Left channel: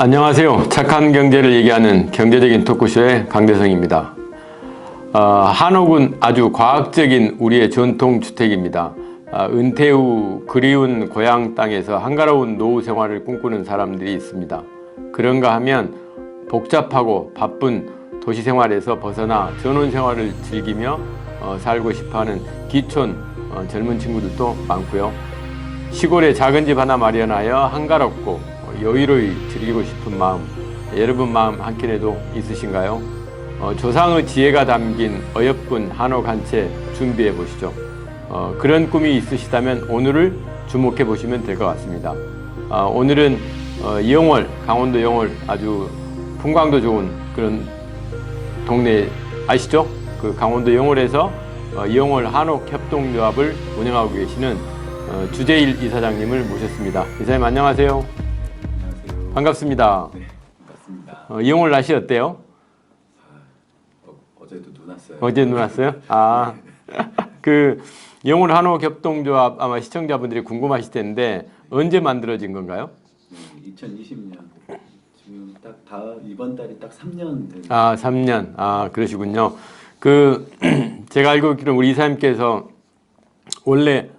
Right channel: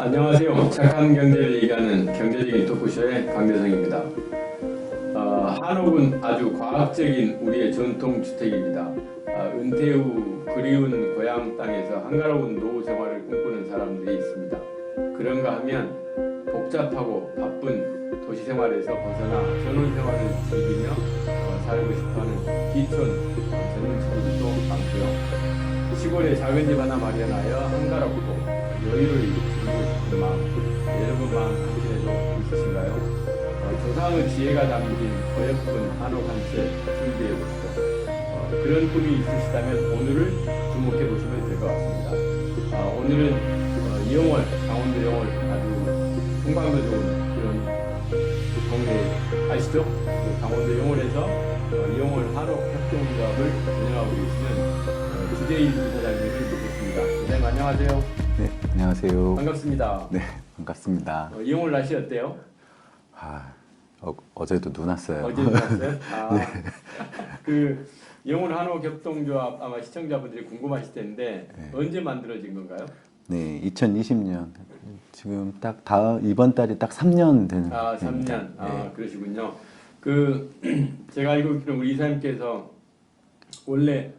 안녕하세요. 착한 경제를 얘기하는 경제적인 토크쇼의 강대성입니다. 한옥은 아주 과학적인 우리의 전통주택입니다. 은퇴 후 그리운 고향 땅에서 한가로운 노후 생활을 꿈꾸는 사람들이 있습니다. 그런가 하면 복잡하고 바쁜 도시 생활에서 벗어나 전원 생활을 즐기며 살고 싶어하는 기촌 젊은 친구들도 많고요. 시골에 작은 집 하나 마련하여 한가롭고 여유로이 즐기고 싶은 마음, 여러분 마음 한켠에도 있으신가요? 조상의 지혜가 담긴 어여쁜 한옥 한 채 준비해 보시죠. 그런 꿈이 있으시다면 오늘을 주목해 보시면 될 것 같습니다. 오늘은 영월, 강원도 영월 아주 풍광도 좋은 그런 동네 아시죠? 그 강원도 영월에서 영월 한옥 협동조합을 운영하고 계시는 주재일 이사장님을 모셨습니다. 이사님 안녕하세요. 네, 안녕하세요. 반갑습니다. 네, 반갑습니다. 영월 날씨 어때요? 어제도 눈 왔어요. 어제 눈 왔어요? 네. 그 영월 한옥 협동조합 아마 시청자분들이 궁금하실 텐데 네. 언제 만들어진 건가요? 네, 2020년. 지금 딱 이번 달이 딱 3년 되는. 3년. 네. 그러시군요. 제가 알고 있기로 우리 이사님께서 원래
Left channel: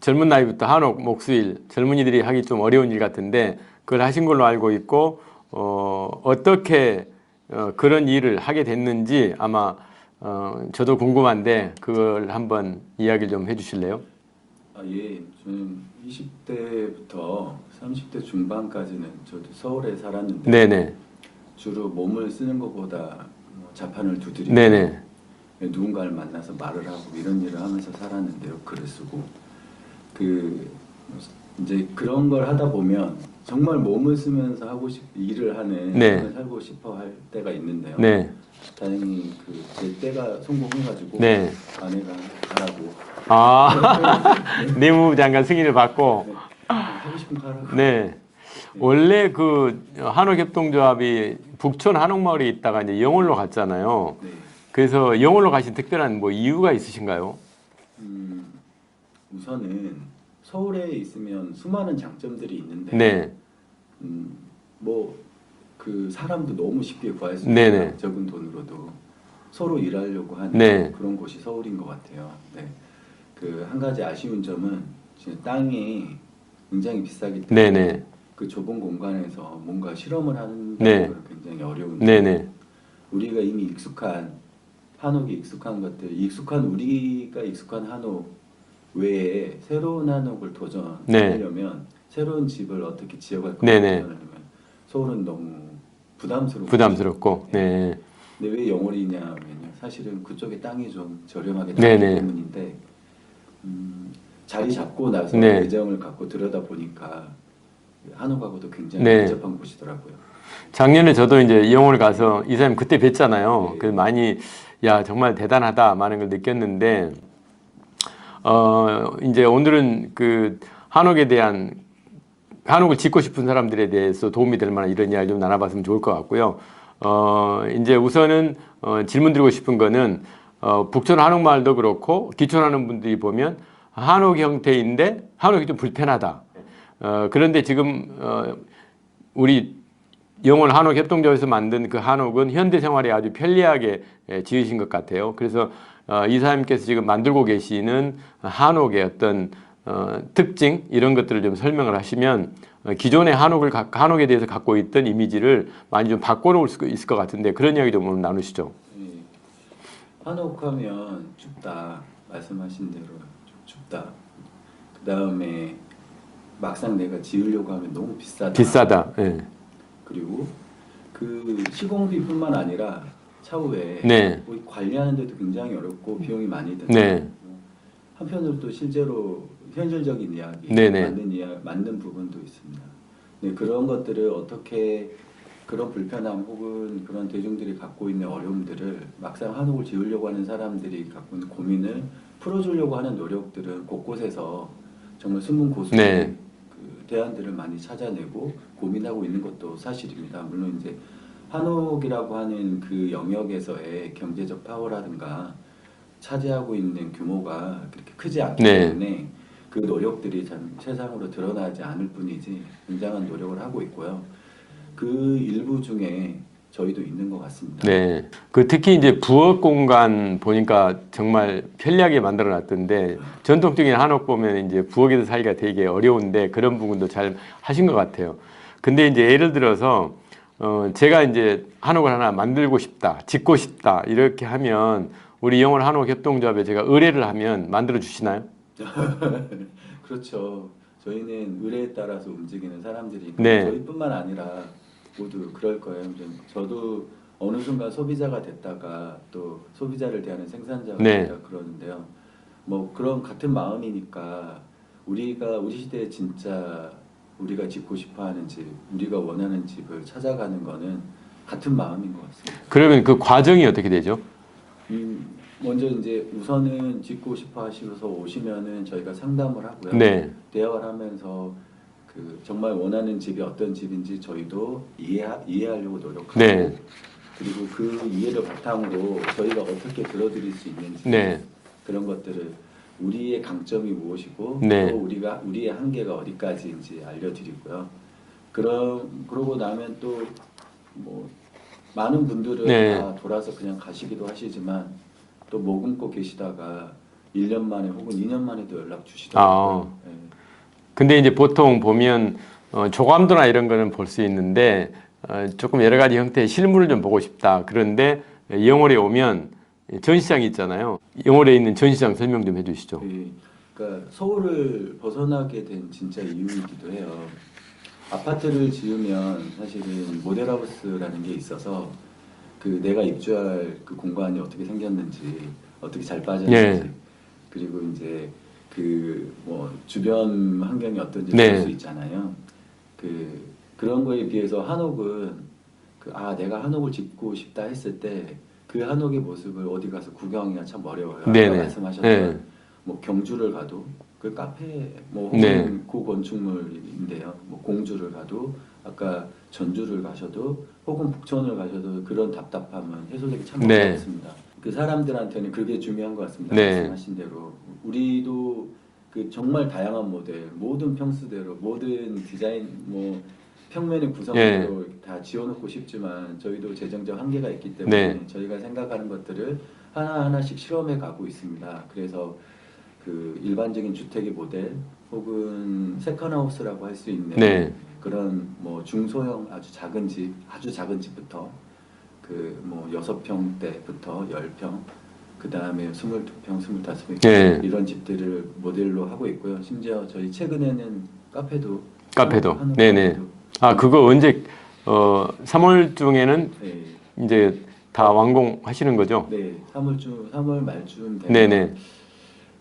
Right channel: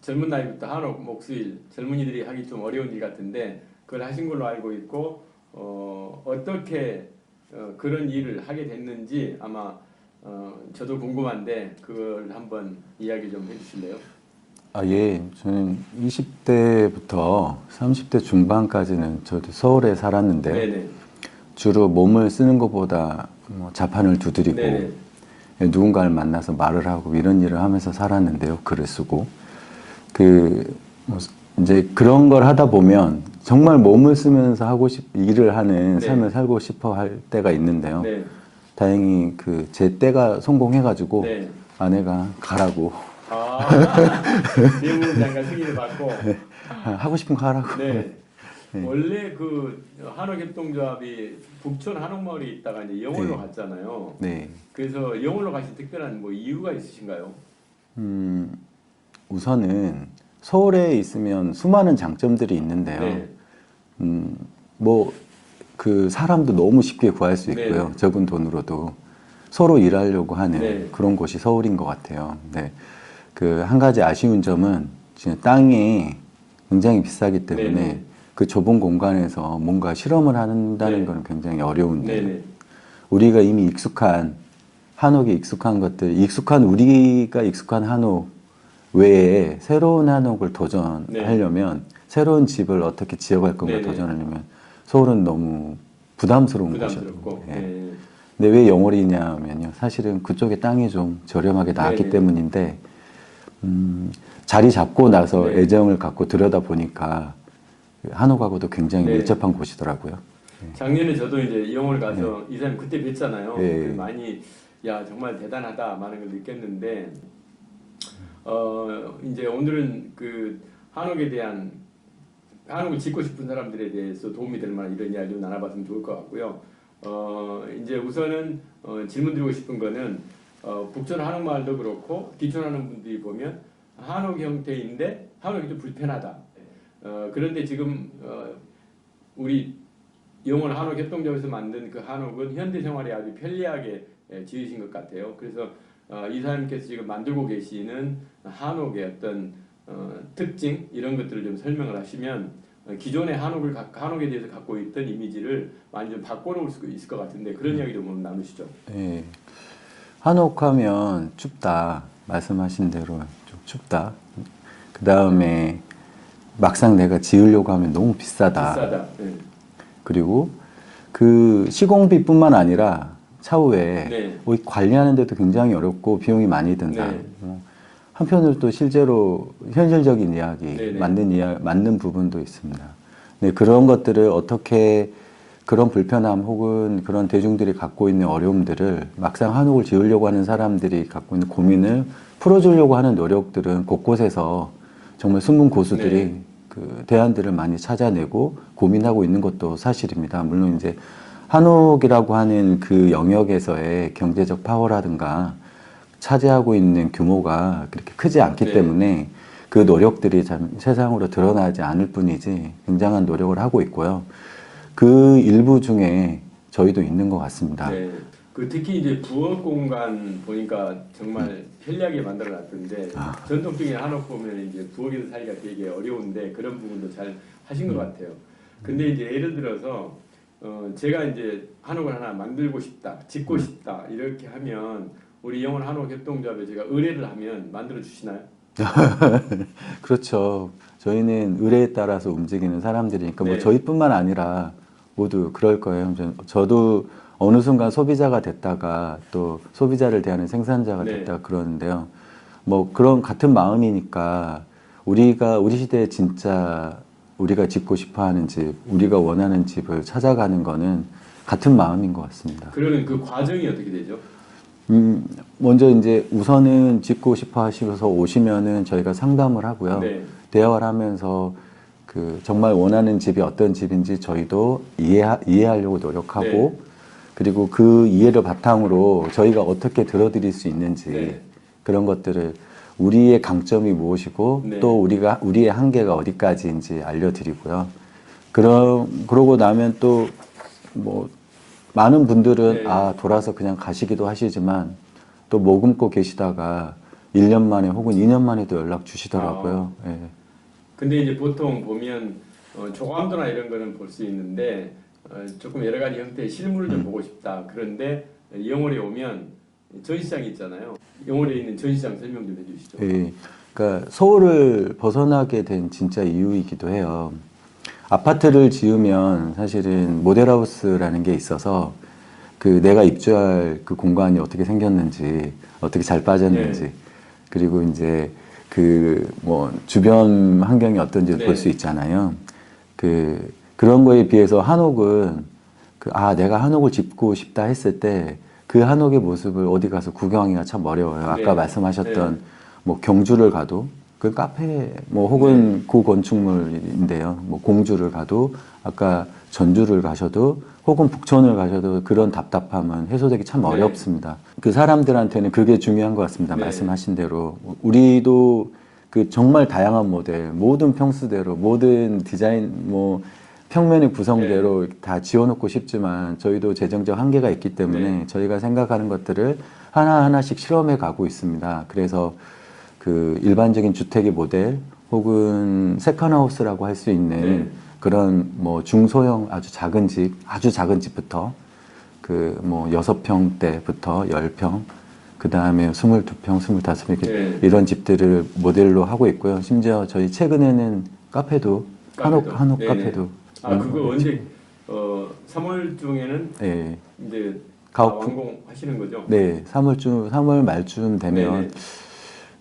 젊은 나이부터 한옥, 목수일, 젊은이들이 하기 좀 어려운 일 같은데 그걸 하신 걸로 알고 있고 어떻게 그런 일을 하게 됐는지 아마 저도 궁금한데 그걸 한번 이야기 좀 해주실래요? 예. 저는 20대부터 30대 중반까지는 저도 서울에 살았는데 네네. 주로 몸을 쓰는 것보다 자판을 두드리고 네네. 누군가를 만나서 말을 하고 이런 일을 하면서 살았는데요. 글을 쓰고 이제 그런 걸 하다 보면 정말 몸을 쓰면서 일을 하는 네. 삶을 살고 싶어 할 때가 있는데요. 네. 다행히 제 때가 성공해가지고 네. 아내가 가라고. 내무장관 승인을 받고 네. 하고 싶은 거 하라고. 네. 네. 원래 한옥협동조합이 북촌 한옥마을에 있다가 이제 영월로 네. 갔잖아요. 네. 그래서 영월로 가신 특별한 이유가 있으신가요? 우선은 서울에 있으면 수많은 장점들이 있는데요. 네. 사람도 너무 쉽게 구할 수 있고요. 네네. 적은 돈으로도 서로 일하려고 하는 네. 그런 곳이 서울인 것 같아요. 네. 한 가지 아쉬운 점은 지금 땅이 굉장히 비싸기 때문에 네네. 그 좁은 공간에서 뭔가 실험을 한다는 네. 건 굉장히 어려운데 네네. 우리가 이미 한옥에 익숙한 것들, 우리가 익숙한 한옥 외에 새로운 한옥을 도전하려면 네. 새로운 집을 어떻게 지어갈 건가 도전하려면 서울은 너무 부담스럽고 네. 근데 왜 영월이냐면요. 사실은 그쪽에 땅이 좀 저렴하게 나왔기 때문인데 자리 잡고 나서 네. 애정을 갖고 들여다보니까 한옥하고도 굉장히 밀접한 곳이더라고요. 작년에 저도 이제 영월 가서 이사님 그때 뵀잖아요. 네. 그래서 많이 정말 대단하다 많은 걸 느꼈는데 이제 오늘은 한옥을 짓고 싶은 사람들에 대해서 도움이 될 만한 이런 이야기 좀 나눠봤으면 좋을 것 같고요. 이제 우선은 질문 드리고 싶은 거는 북촌 한옥마을도 그렇고 기촌하는 분들이 보면 한옥 형태인데 한옥이 좀 불편하다. 그런데 지금 우리 영월 한옥 협동조합에서 만든 그 한옥은 현대 생활에 아주 편리하게 지으신 것 같아요. 그래서 이사님께서 지금 만들고 계시는 한옥의 어떤 특징 이런 것들을 좀 설명을 하시면 기존의 한옥에 대해서 갖고 있던 이미지를 많이 좀 바꿔놓을 수 있을 것 같은데 그런 이야기 좀 오늘 나누시죠. 네. 한옥하면 춥다 말씀하신 대로 좀 춥다. 그 다음에 막상 내가 지으려고 하면 너무 비싸다. 네. 그리고 시공비뿐만 아니라 차후에 네. 관리하는 데도 굉장히 어렵고 비용이 많이 든다. 네. 한편으로 또 실제로 현실적인 이야기, 맞는 부분도 있습니다. 네, 그런 것들을 어떻게 그런 불편함 혹은 그런 대중들이 갖고 있는 어려움들을 막상 한옥을 지으려고 하는 사람들이 갖고 있는 고민을 풀어주려고 하는 노력들은 곳곳에서 정말 숨은 고수들이 네. 대안들을 많이 찾아내고 고민하고 있는 것도 사실입니다. 물론 이제 한옥이라고 하는 그 영역에서의 경제적 파워라든가 차지하고 있는 규모가 그렇게 크지 않기 때문에 그 노력들이 참 세상으로 드러나지 않을 뿐이지 굉장한 노력을 하고 있고요. 그 일부 중에 저희도 있는 것 같습니다. 네. 그 특히 이제 부엌 공간 보니까 정말 편리하게 만들어 놨던데 전통적인 한옥 보면 이제 부엌에서 살기가 되게 어려운데 그런 부분도 잘 하신 것 같아요. 근데 이제 예를 들어서 제가 이제 한옥을 하나 만들고 싶다, 짓고 싶다 이렇게 하면 우리 영월 한옥 협동조합에 제가 의뢰를 하면 만들어 주시나요? 그렇죠. 저희는 의뢰에 따라서 움직이는 사람들이니까 네. 뭐 저희뿐만 아니라 모두 그럴 거예요. 저도 어느 순간 소비자가 됐다가 또 소비자를 대하는 생산자가 네. 됐다 그러는데요. 뭐 그런 같은 마음이니까 우리 시대에 진짜 우리가 짓고 싶어하는 집, 우리가 원하는 집을 찾아가는 거는 같은 마음인 것 같습니다. 그러면 그 과정이 어떻게 되죠? 먼저 이제 우선은 짓고 싶어 하시면서 오시면은 저희가 상담을 하고요. 네. 대화를 하면서 그 정말 원하는 집이 어떤 집인지 저희도 이해하려고 노력하고 네. 그리고 그 이해를 바탕으로 저희가 어떻게 들어드릴 수 있는지 네. 그런 것들을 우리의 강점이 무엇이고 네. 또 우리의 한계가 어디까지인지 알려드리고요. 그러고 나면 또 뭐 많은 분들은 네. 돌아서 그냥 가시기도 하시지만 또 머금고 계시다가 1년 만에 혹은 2년 만에도 연락 주시더라고요. 예. 근데 이제 보통 보면 조감도나 이런 거는 볼 수 있는데 조금 여러 가지 형태의 실물을 좀 보고 싶다. 그런데 영월에 오면 전시장이 있잖아요. 영월에 있는 전시장 설명 좀 해주시죠. 예. 그러니까 서울을 벗어나게 된 진짜 이유이기도 해요. 아파트를 지으면 사실은 모델하우스라는 게 있어서 그 내가 입주할 그 공간이 어떻게 생겼는지, 어떻게 잘 빠졌는지, 예. 그리고 이제 그 뭐 주변 환경이 어떤지 네. 볼 수 있잖아요. 그런 거에 비해서 한옥은 내가 한옥을 짓고 싶다 했을 때 그 한옥의 모습을 어디 가서 구경하기가 참 어려워요. 네네. 아까 말씀하셨던 네. 뭐 경주를 가도 그 카페 뭐 혹은 고건축물인데요. 뭐 공주를 가도 아까 전주를 가셔도 혹은 북촌을 가셔도 그런 답답함은 해소되기 참 네. 어렵습니다. 그 사람들한테는 그게 중요한 것 같습니다. 네. 말씀하신 대로 우리도 그 정말 다양한 모델, 모든 평수대로, 모든 디자인 뭐 평면의 구성대로 다 지어놓고 싶지만 저희도 재정적 한계가 있기 때문에 네. 저희가 생각하는 것들을 하나하나씩 실험해 가고 있습니다. 그래서 그 일반적인 주택의 모델 혹은 세컨하우스라고 할 수 있는 네. 그런 뭐 중소형 아주 작은 집부터 그 뭐 6평대부터 10평 그 다음에 22평, 25평 네. 이런 집들을 모델로 하고 있고요. 심지어 저희 최근에는 카페도 한옥 네네. 카페도 그거 언제 3월 중에는 네. 이제 다 완공하시는 거죠? 네, 3월 말쯤 되면 네네.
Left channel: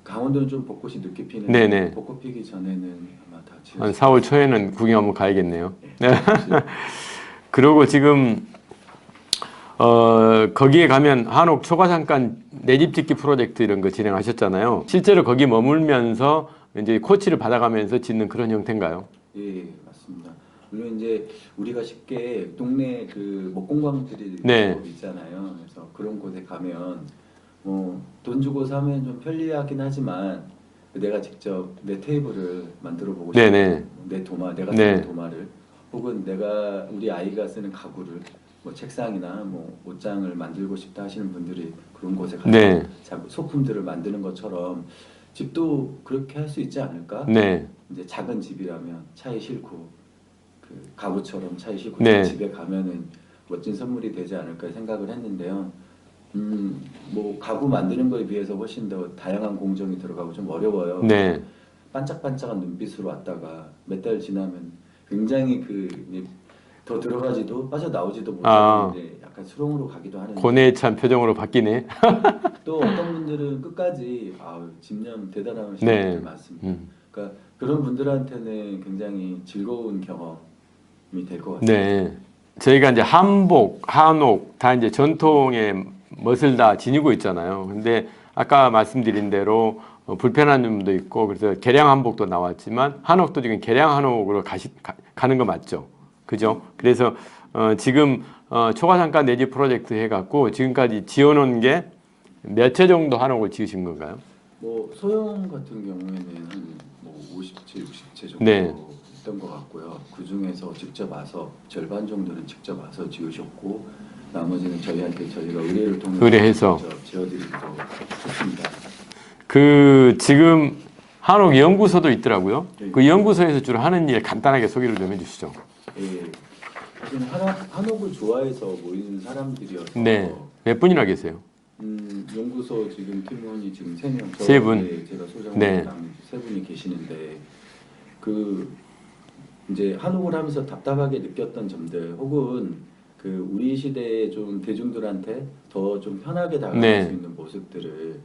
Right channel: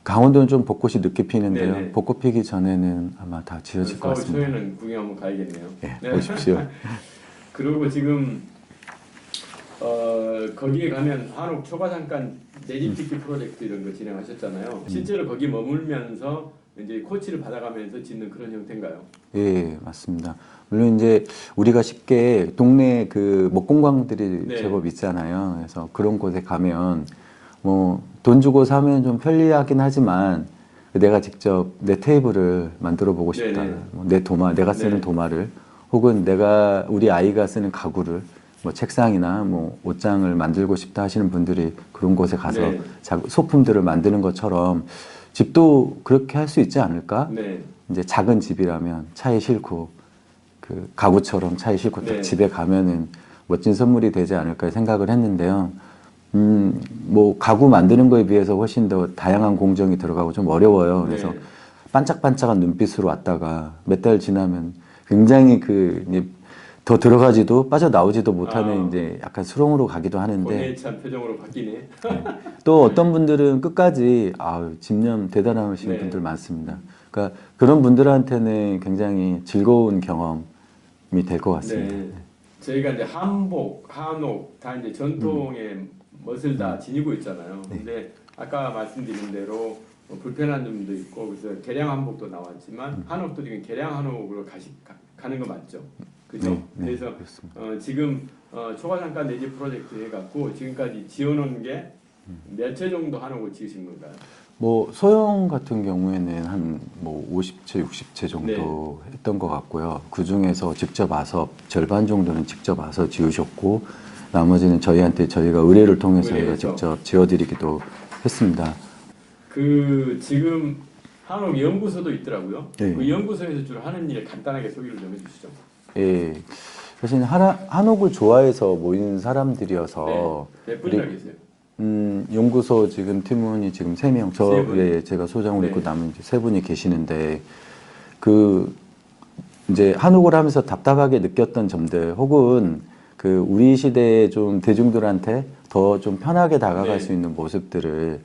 강원도는 좀 벚꽃이 늦게 피는데 네네. 벚꽃 피기 전에는 아마 다 한 지어질 것 4월 같습니다. 초에는 구경 한번 가야겠네요. 네, 가십시오. 그리고 지금 거기에 가면 한옥 초과장간 내 집 짓기 프로젝트 이런 거 진행하셨잖아요. 실제로 거기 머물면서 이제 코치를 받아가면서 짓는 그런 형태인가요? 예, 맞습니다. 물론 이제 우리가 쉽게 동네 그 목공방들이 네. 제법 있잖아요. 그래서 그런 곳에 가면 뭐 돈 주고 사면 좀 편리하긴 하지만 내가 직접 내 테이블을 만들어 보고 싶다. 네네. 뭐 내 도마, 내가 쓰는 네. 도마를 혹은 우리 아이가 쓰는 가구를 뭐 책상이나 뭐 옷장을 만들고 싶다 하시는 분들이 그런 곳에 가서 네. 소품들을 만드는 것처럼 집도 그렇게 할 수 있지 않을까? 네. 이제 작은 집이라면 차에 싣고 그 가구처럼 차에 싣고 네. 집에 가면은 멋진 선물이 되지 않을까 생각을 했는데요. 뭐 가구 만드는 거에 비해서 훨씬 더 다양한 공정이 들어가고 좀 어려워요. 그래서 네. 반짝반짝한 눈빛으로 왔다가 몇 달 지나면 굉장히 이제 더 들어가지도 빠져나오지도 못하는 이제 약간 수렁으로 가기도 하는데 고뇌에 찬 표정으로 바뀌네. 또 어떤 분들은 끝까지 집념 대단하신 네. 분들 많습니다. 그러니까 그런 분들한테는 굉장히 즐거운 경험이 될 것 같습니다. 네. 저희가 이제 한복, 한옥 다 이제 전통의 멋을 다 지니고 있잖아요. 근데 아까 말씀드린 대로 불편한 점도 있고 그래서 개량 한복도 나왔지만 한옥도 지금 개량 한옥으로 가는 거 맞죠? 그죠? 그래서 지금 초과상가 내집 프로젝트 해갖고 지금까지 지어놓은 게 몇 채 정도 한옥을 지으신 건가요? 뭐 소형 같은 경우에는 한 뭐 50채, 60채 정도 네. 했던 것 같고요. 그 중에서 직접 와서 절반 정도는 직접 와서 지으셨고 나머지는 저희가 의뢰를 통해서 의뢰해서. 직접 지어드리기도 했습니다. 그 지금 한옥 연구소도 있더라고요. 네. 그 연구소에서 주로 하는 일 간단하게 소개를 좀 해주시죠. 예, 사실 한옥을 좋아해서 모이는 사람들이어서 네. 몇 분이나 계세요? 연구소 지금 팀원이 지금 3명, 세 분. 예, 제가 소장으로 네. 남은 3분이 계시는데 그 이제 한옥을 하면서 답답하게 느꼈던 점들 혹은 그 우리 시대에 좀 대중들한테 더 좀 편하게 다가갈 네. 수 있는 모습들을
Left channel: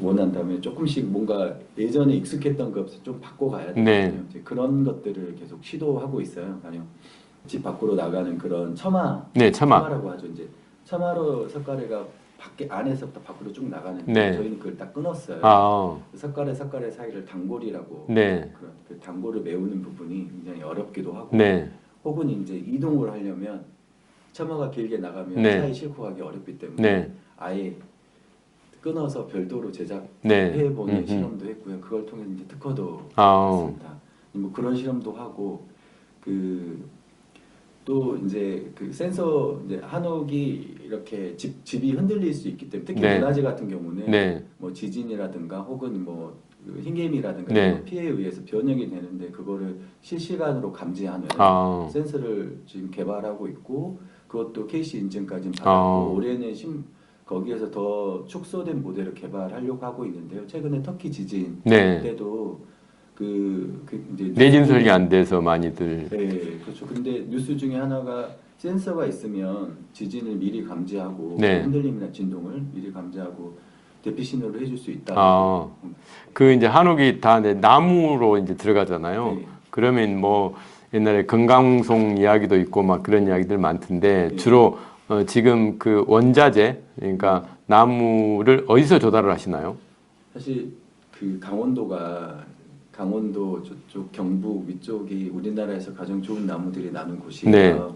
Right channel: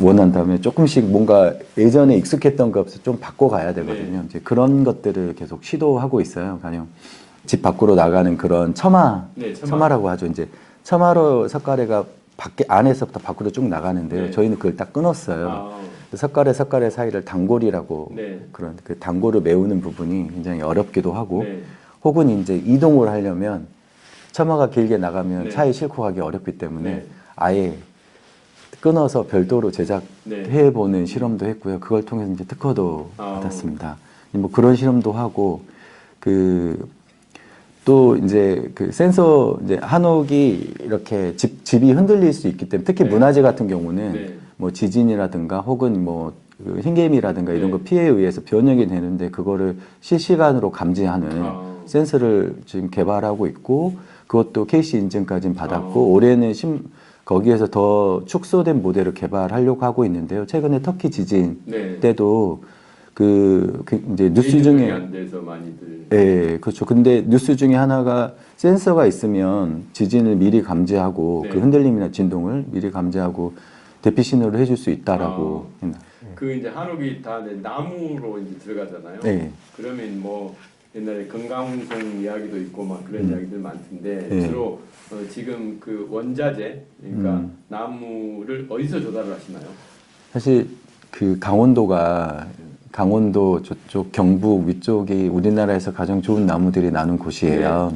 원한다면 조금씩 뭔가 예전에 익숙했던 것을 좀 바꿔가야 되거든요. 네. 이제 그런 것들을 계속 시도하고 있어요. 가령 집 밖으로 나가는 그런 처마, 네, 처마. 처마라고 하죠. 이제 처마로 석가래가 밖에 안에서부터 밖으로 쭉 나가는데 네. 저희는 그걸 딱 끊었어요. 아, 석가래 사이를 단골이라고 네. 그런 그 단골을 메우는 부분이 굉장히 어렵기도 하고 네. 혹은 이제 이동을 하려면 처마가 길게 나가면 네. 차에 싣고 가기 어렵기 때문에 네. 아예 끊어서 별도로 네. 제작해보는 실험도 했고요. 그걸 통해서 이제 특허도 아. 받았습니다. 뭐 그런 실험도 하고 또 이제 그 센서 이제 한옥이 이렇게 집이 흔들릴 수 있기 때문에 특히 네. 문화재 같은 경우는 네. 뭐 지진이라든가 혹은 뭐 그 흰개미라든가 네. 이런 거 피해에 의해서 변형이 되는데 그거를 실시간으로 감지하는 아. 센서를 지금 개발하고 있고 그것도 KC 인증까지는 받았고 아. 올해는 거기에서 더 축소된 모델을 개발하려고 하고 있는데요. 최근에 터키 지진 네. 때도 이제 뉴스 내진 중에 설계 안 돼서 많이들. 네, 그렇죠. 근데 뉴스 중에 하나가 센서가 있으면 지진을 미리 감지하고 네. 그 흔들림이나 진동을 미리 감지하고 대피 신호를 해줄 수 있다라고. 그 이제 한옥이 다 이제 나무로 이제 들어가잖아요. 네. 그러면 뭐 옛날에 금강송 이야기도 있고 막 그런 이야기들 많던데 네. 주로 지금 그 원자재 그러니까 나무를 어디서 조달을 하시나요? 사실 그 강원도 저쪽 경북 위쪽이 우리나라에서 가장 좋은 나무들이 나는 곳이에요.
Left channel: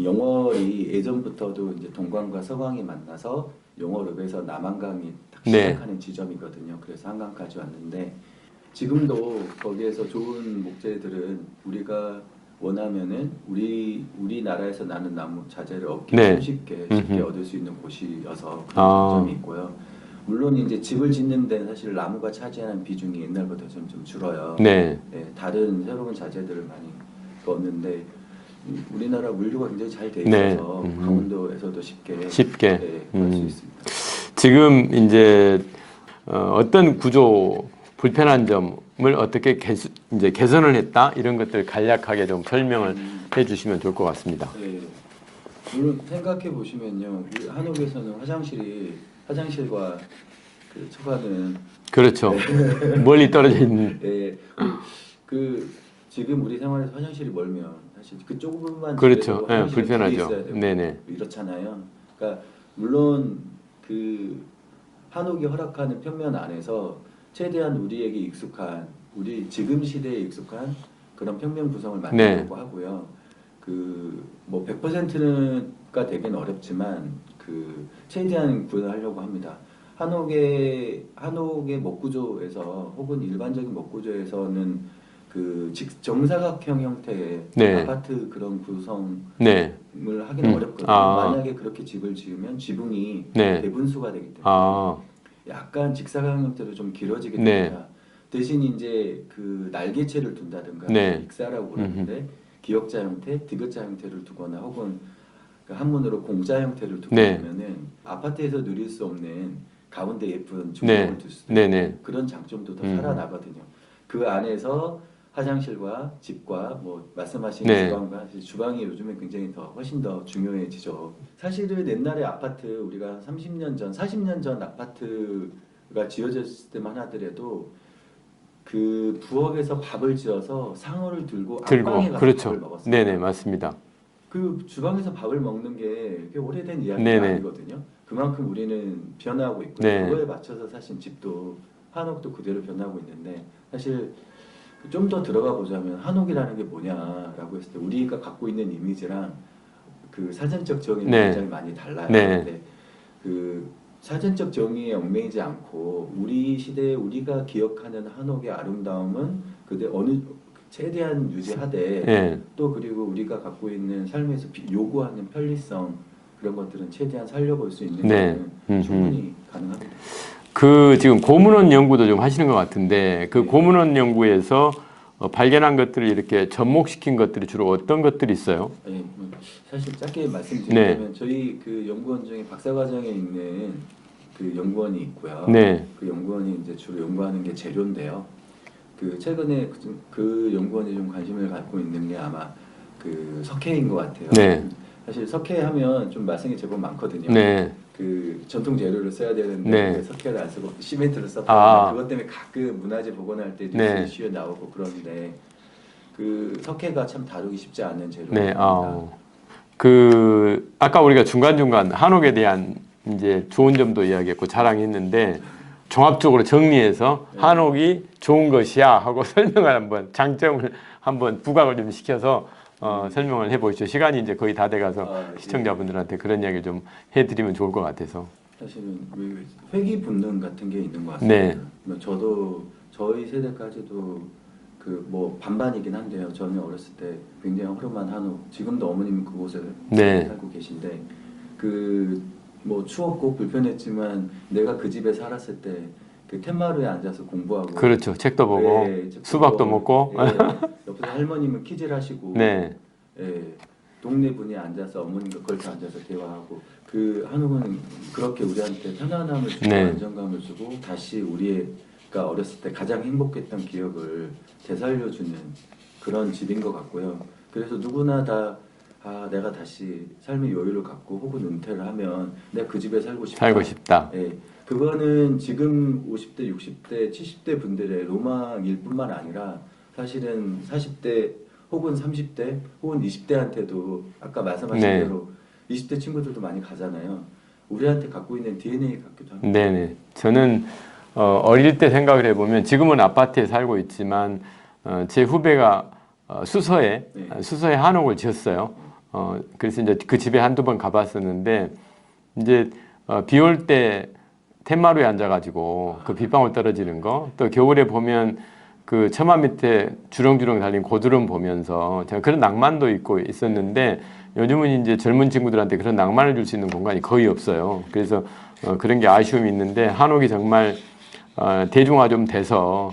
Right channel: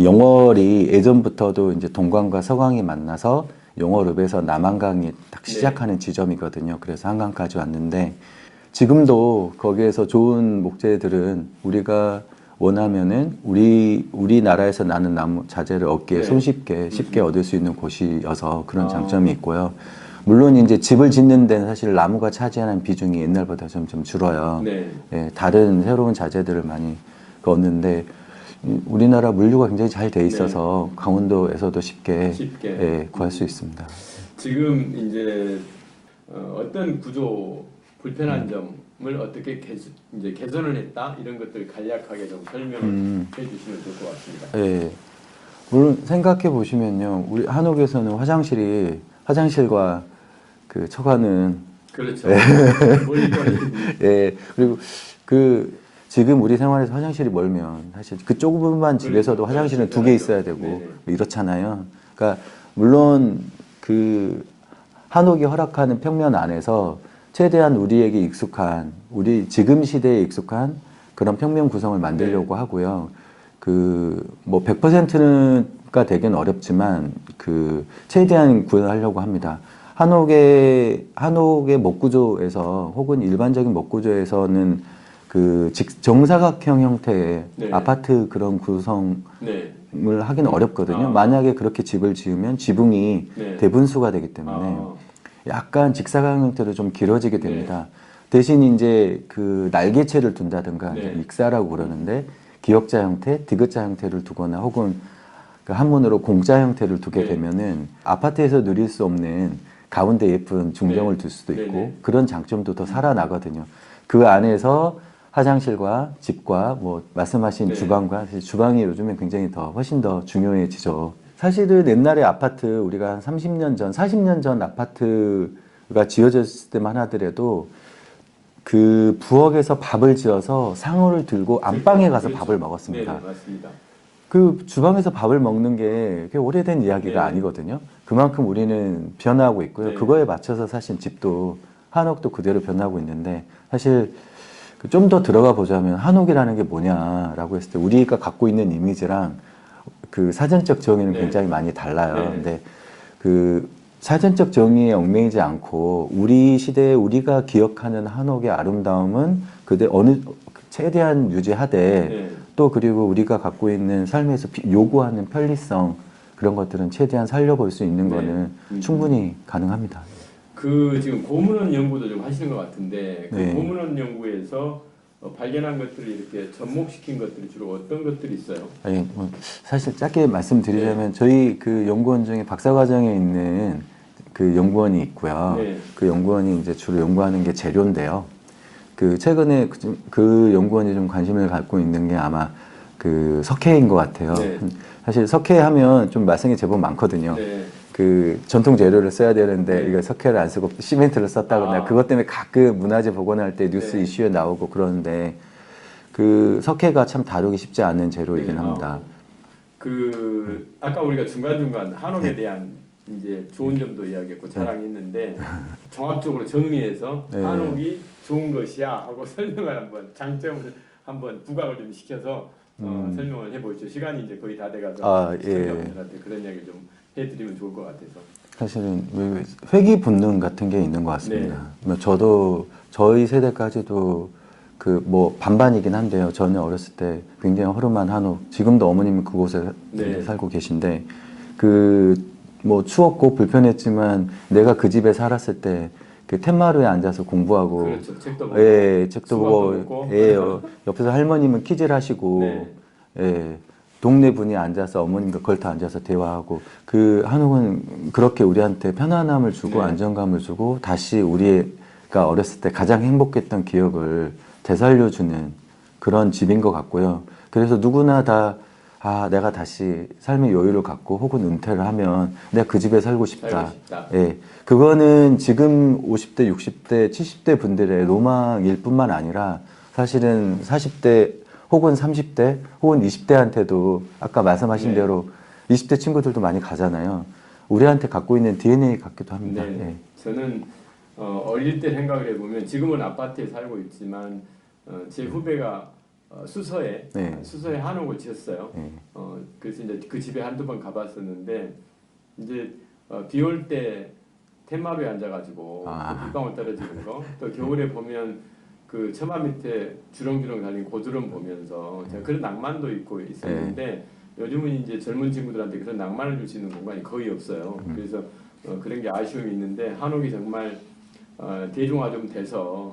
영월이 예전부터도 이제 동강과 서강이 만나서 영월읍에서 남한강이 딱 네. 시작하는 지점이거든요. 그래서 한강까지 왔는데 지금도 거기에서 좋은 목재들은 우리가 원하면은 우리나라에서 나는 나무 자재를 얻기에 네. 쉽게 얻을 수 있는 곳이어서 그런 아. 장점이 있고요. 물론 이제 집을 짓는 데는 사실 나무가 차지하는 비중이 옛날보다 점점 줄어요. 네. 예, 다른 새로운 자재들을 많이 얻는데 우리나라 물류가 굉장히 잘 돼 있어서 네. 강원도에서도 쉽게 예, 구할 수 있습니다. 지금 이제 어떤 구조 불편한 점을 어떻게 이제 개선을 했다 이런 것들 간략하게 좀 설명을 해주시면 좋을 것 같습니다. 예, 물론 생각해 보시면요, 우리 한옥에서는 화장실과 그 처가는 그렇죠. 멀리 떨어져 있는. 예, 지금 우리 생활에서 화장실이 멀면 사실 그쪽 부분만 그렇죠. 집에서도 네, 화장실은 두 개 불편하죠. 있어야 되고 네네. 이렇잖아요. 그러니까 물론 그 한옥이 허락하는 평면 안에서 최대한 우리에게 익숙한 우리 지금 시대에 익숙한 그런 평면 구성을 만들려고 하고요. 뭐 100%가 되긴 어렵지만 최대한 구현하려고 합니다. 한옥의 목구조에서 혹은 일반적인 목구조에서는 정사각형 형태의 네. 아파트 그런 구성을 네. 하기는 어렵거든요. 아. 만약에 그렇게 집을 지으면 지붕이 네. 대분수가 되기 때문에 아. 약간 직사각 형태로 좀 길어지게 네. 됩니다. 대신 이제 날개체를 둔다든가 네. 익사라고 그러는데 기역자 형태, 디귿자 형태를 두거나 혹은 한문으로 공자 형태를 두게 네. 되면은 아파트에서 누릴 수 없는 가운데 예쁜 중동을 네. 둘 수도 네, 있고 네. 그런 장점도 더 살아나거든요. 그 안에서 화장실과 집과 뭐 말씀하신 네. 주방과 사실 주방이 요즘엔 굉장히 훨씬 더 중요해지죠. 사실은 옛날에 아파트 우리가 한 30년 전, 40년 전 아파트가 지어졌을 때만 하더라도 그 부엌에서 밥을 지어서 상호를 들고 안방에 가서 그렇죠. 밥을 먹었습니다. 네네 맞습니다. 그 주방에서 밥을 먹는 게 그게 오래된 이야기가 네네. 아니거든요. 그만큼 우리는 변화하고 있고요. 네. 그거에 맞춰서 사실 집도 한옥도 그대로 변하고 있는데 사실 좀 더 들어가 보자면 한옥이라는 게 뭐냐라고 했을 때 우리가 갖고 있는 이미지랑 그 사전적 정의는 네. 굉장히 많이 달라요. 네. 근데 사전적 정의에 얽매이지 않고 우리 시대에 우리가 기억하는 한옥의 아름다움은 그대 어느 최대한 유지하되 예. 또 그리고 우리가 갖고 있는 삶에서 요구하는 편리성 그런 것들은 최대한 살려볼 수 있는 네. 거는 충분히 가능합니다. 그 지금 고문원 연구도 좀 하시는 것 같은데 그 네. 고문원 연구에서 발견한 것들을 이렇게 접목시킨 것들이 주로 어떤 것들이 있어요? 예, 뭐 사실 짧게 말씀드리자면 저희 그 연구원 중에 박사과정에 있는 그 연구원이 있고요. 네. 그 연구원이 이제 주로 연구하는 게 재료인데요. 그 최근에 그 연구원이 좀 관심을 갖고 있는 게 아마 그 석회인 것 같아요. 네. 사실 석회 하면 좀 말썽이 제법 많거든요. 네. 그 전통 재료를 써야 되는데 네. 그 석회를 안 쓰고 시멘트를 썼다거나 아. 그것 때문에 가끔 문화재 복원할 때 뉴스 네. 이슈에 나오고 그러는데 그 석회가 참 다루기 쉽지 않은 재료입니다. 네. 그 아까 우리가 중간중간 한옥에 대한 이제 좋은 점도 이야기했고 자랑했는데 종합적으로 정리해서 네. 한옥이 좋은 것이야 하고 설명을 한번 장점을 한번 부각을 좀 시켜서 설명을 해보시죠. 시간이 이제 거의 다 돼가서 시청자분들한테 그런 이야기 좀 해드리면 좋을 것 같아서. 사실은 회귀 본능 같은 게 있는 것 같습니다. 네. 뭐 저도 저희 세대까지도 그 뭐 반반이긴 한데요. 저는 어렸을 때 굉장히 허름한 한옥, 지금도 어머님은 그곳에 네. 살고 계신데 그 뭐 추웠고 불편했지만 내가 그 집에 살았을 때 그 텐마루에 앉아서 공부하고 그렇죠. 책도 보고 책도 수박도 보고, 먹고. 옆에서 할머님은 키질하시고 네. 동네 분이 앉아서 어머님과 걸터 앉아서 대화하고 그 한옥은 그렇게 우리한테 편안함을 주고 네. 안정감을 주고 다시 우리가 어렸을 때 가장 행복했던 기억을 되살려주는 그런 집인 것 같고요. 그래서 누구나 다 내가 다시 삶의 여유를 갖고 혹은 은퇴를 하면 내가 그 집에 살고 싶다. 살고 싶다. 예, 그거는 지금 50대, 60대, 70대 분들의 로망일 뿐만 아니라 사실은 40대 혹은 30대 혹은 20대한테도 아까 말씀하신 네. 대로 20대 친구들도 많이 가잖아요. 우리한테 갖고 있는 DNA 같기도 합니다. 네네. 저는 어릴 때 생각을 해보면 지금은 아파트에 살고 있지만 제 후배가 수서에 한옥을 지었어요. 그래서 이제 그 집에 한두 번 가봤었는데 이제 비 올 때 텐마루에 앉아가지고 그 빗방울 떨어지는 거, 또 겨울에 보면 그 처마 밑에 주렁주렁 달린 고드름 보면서 제가 그런 낭만도 있고 있었는데 요즘은 이제 젊은 친구들한테 그런 낭만을 줄 수 있는 공간이 거의 없어요. 그래서 그런 게 아쉬움이 있는데 한옥이 정말 대중화 좀 돼서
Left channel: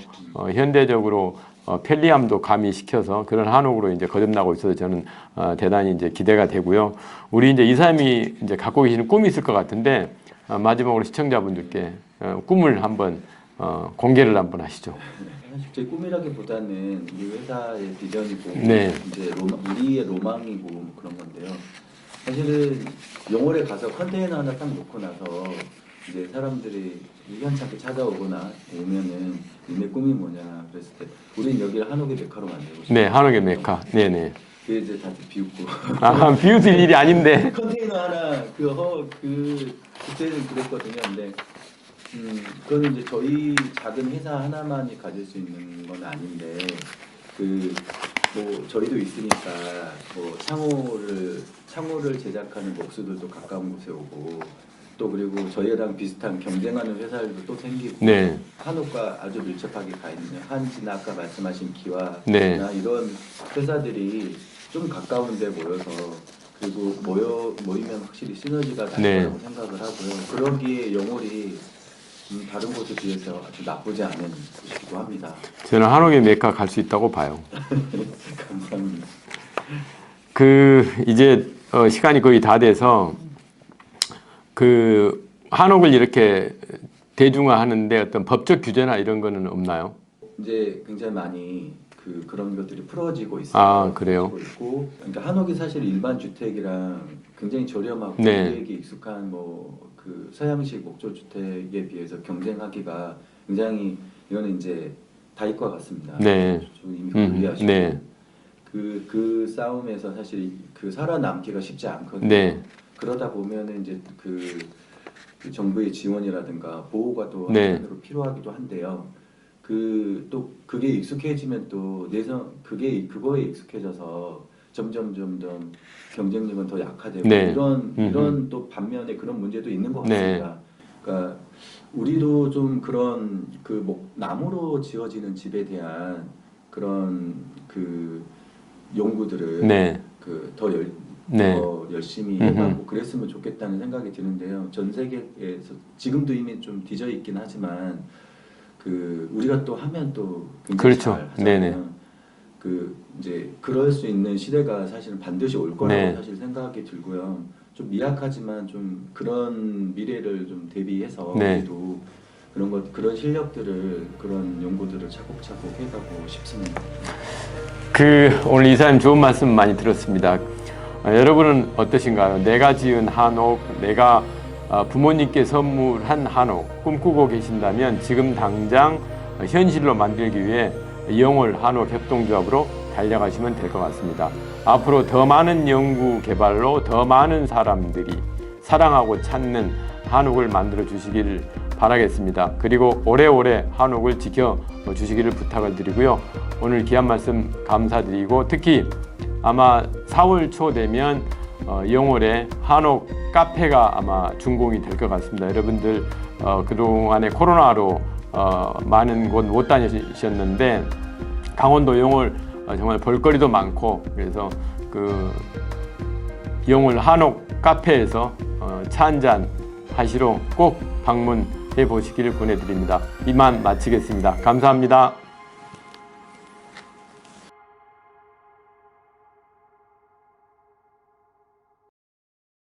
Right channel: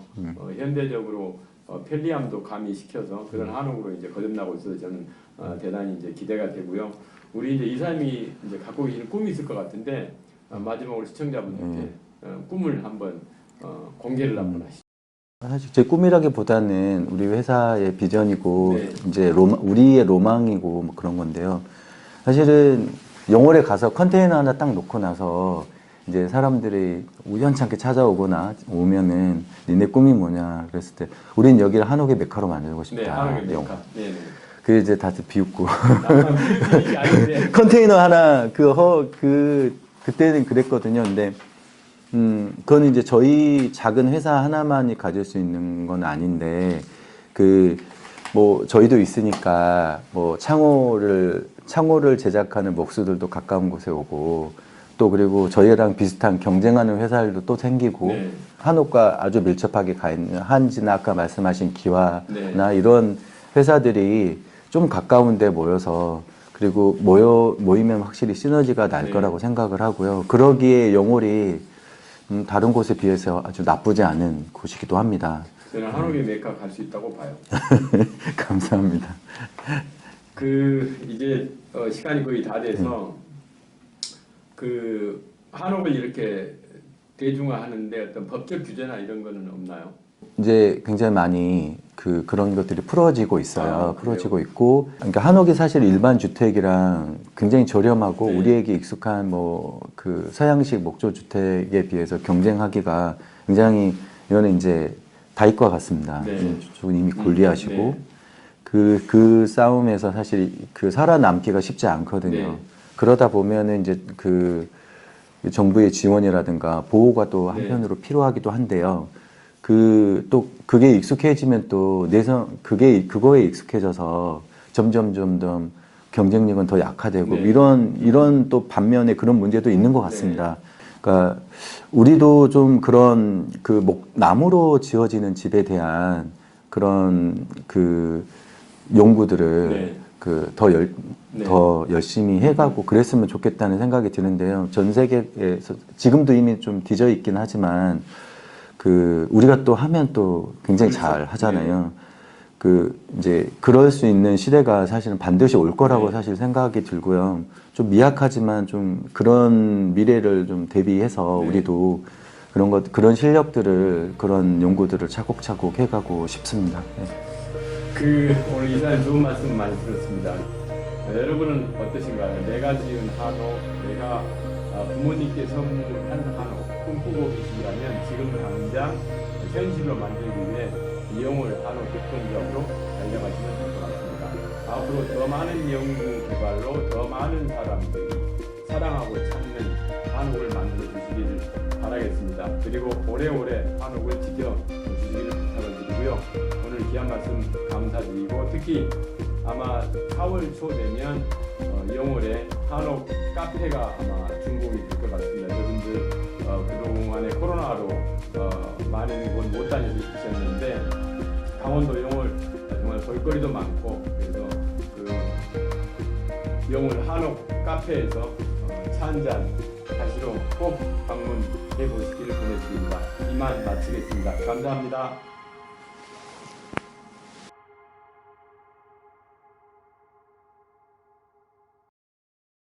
현대적으로 편리함도 가미시켜서 그런 한옥으로 이제 거듭나고 있어서 저는 대단히 이제 기대가 되고요. 우리 이제 이사님이 이제 갖고 계시는 꿈이 있을 것 같은데 마지막으로 시청자분들께 꿈을 한번 공개를 한번 하시죠. 사실 제 꿈이라기보다는 우리 회사의 비전이고 네. 이제 우리의 로망이고 뭐 그런 건데요. 사실은 영월에 가서 컨테이너 하나 딱 놓고 나서 이제 사람들이 우연찮게 찾아오거나 오면은 니네 꿈이 뭐냐 그랬을 때 우린 여기를 한옥의 메카로 만들고 싶다. 네, 한옥의 메카. 네네. 그 이제 다들 비웃고 비웃을 일이 아닌데. 컨테이너 하나 그때는 그랬거든요. 근데 그건 이제 저희 작은 회사 하나만이 가질 수 있는 건 아닌데 뭐 저희도 있으니까 뭐 창호를 제작하는 목수들도 가까운 곳에 오고 또 그리고 저희랑 비슷한 경쟁하는 회사들도 또 생기고 네. 한옥과 아주 밀접하게 가 있는 한지나 아까 말씀하신 기와나 네. 이런 회사들이 좀 가까운 데 모여서 그리고 모이면 확실히 시너지가 날 네. 거라고 생각을 하고요. 그러기에 영월이 다른 곳에 비해서 아주 나쁘지 않은 곳이기도 합니다. 저는 한옥의 메카 갈 수 있다고 봐요. 감사합니다. 이제 시간이 거의 다 돼서 그 한옥을 이렇게 대중화하는데 어떤 법적 규제나 이런 거는 없나요? 이제 굉장히 많이 그런 것들이 풀어지고 있어요. 그래요? 풀어지고 있고, 그러니까 한옥이 사실 일반 주택이랑 굉장히 저렴하고 네. 우리에게 익숙한 그 서양식 목조 주택에 비해서 경쟁하기가 굉장히 이거는 이제 다이과 같습니다. 네. 저쪽은 이미 골리앗이고 네. 그 싸움에서 사실 살아남기가 쉽지 않거든요. 네. 그러다 보면은 이제 정부의 지원이라든가 보호가 또 네. 한편으로 필요하기도 한데요. 또 그게 익숙해지면 또 그거에 익숙해져서 점점 경쟁력은 더 약화되고 네. 이런 또 반면에 그런 문제도 있는 것 같습니다. 그러니까 우리도 좀 그런 그 나무로 지어지는 집에 대한 그런 그 연구들을 네. 더 열심히 해가고 그랬으면 좋겠다는 생각이 드는데요. 전 세계에서 지금도 이미 좀 뒤져 있긴 하지만 그 우리가 또 하면 또 굉장히 그렇죠. 잘 하잖아요. 네네. 그 이제 그럴 수 있는 시대가 사실은 반드시 올 거라고 네. 사실 생각이 들고요. 좀 미약하지만 좀 그런 미래를 좀 대비해서 네. 우리도 그런 실력들을 그런 연구들을 차곡차곡 해가고 싶습니다. 오늘 이사님 좋은 말씀 많이 들었습니다. 여러분은 어떠신가요? 내가 지은 한옥, 내가 부모님께 선물한 한옥 꿈꾸고 계신다면 지금 당장 현실로 만들기 위해 영월 한옥 협동조합으로 달려가시면 될 것 같습니다. 앞으로 더 많은 연구 개발로 더 많은 사람들이 사랑하고 찾는 한옥을 만들어 주시기를 바라겠습니다. 그리고 오래오래 한옥을 지켜 주시기를 부탁을 드리고요. 오늘 귀한 말씀 감사드리고 특히 아마 4월 초 되면 영월에 한옥 카페가 아마 준공이 될 것 같습니다. 여러분들 그동안에 코로나로 많은 곳 못 다니셨는데 강원도 영월 정말 볼거리도 많고 그래서 그 영월 한옥 카페에서 차 한잔 하시러 꼭 방문해 보시기를 보내드립니다. 이만 마치겠습니다. 감사합니다.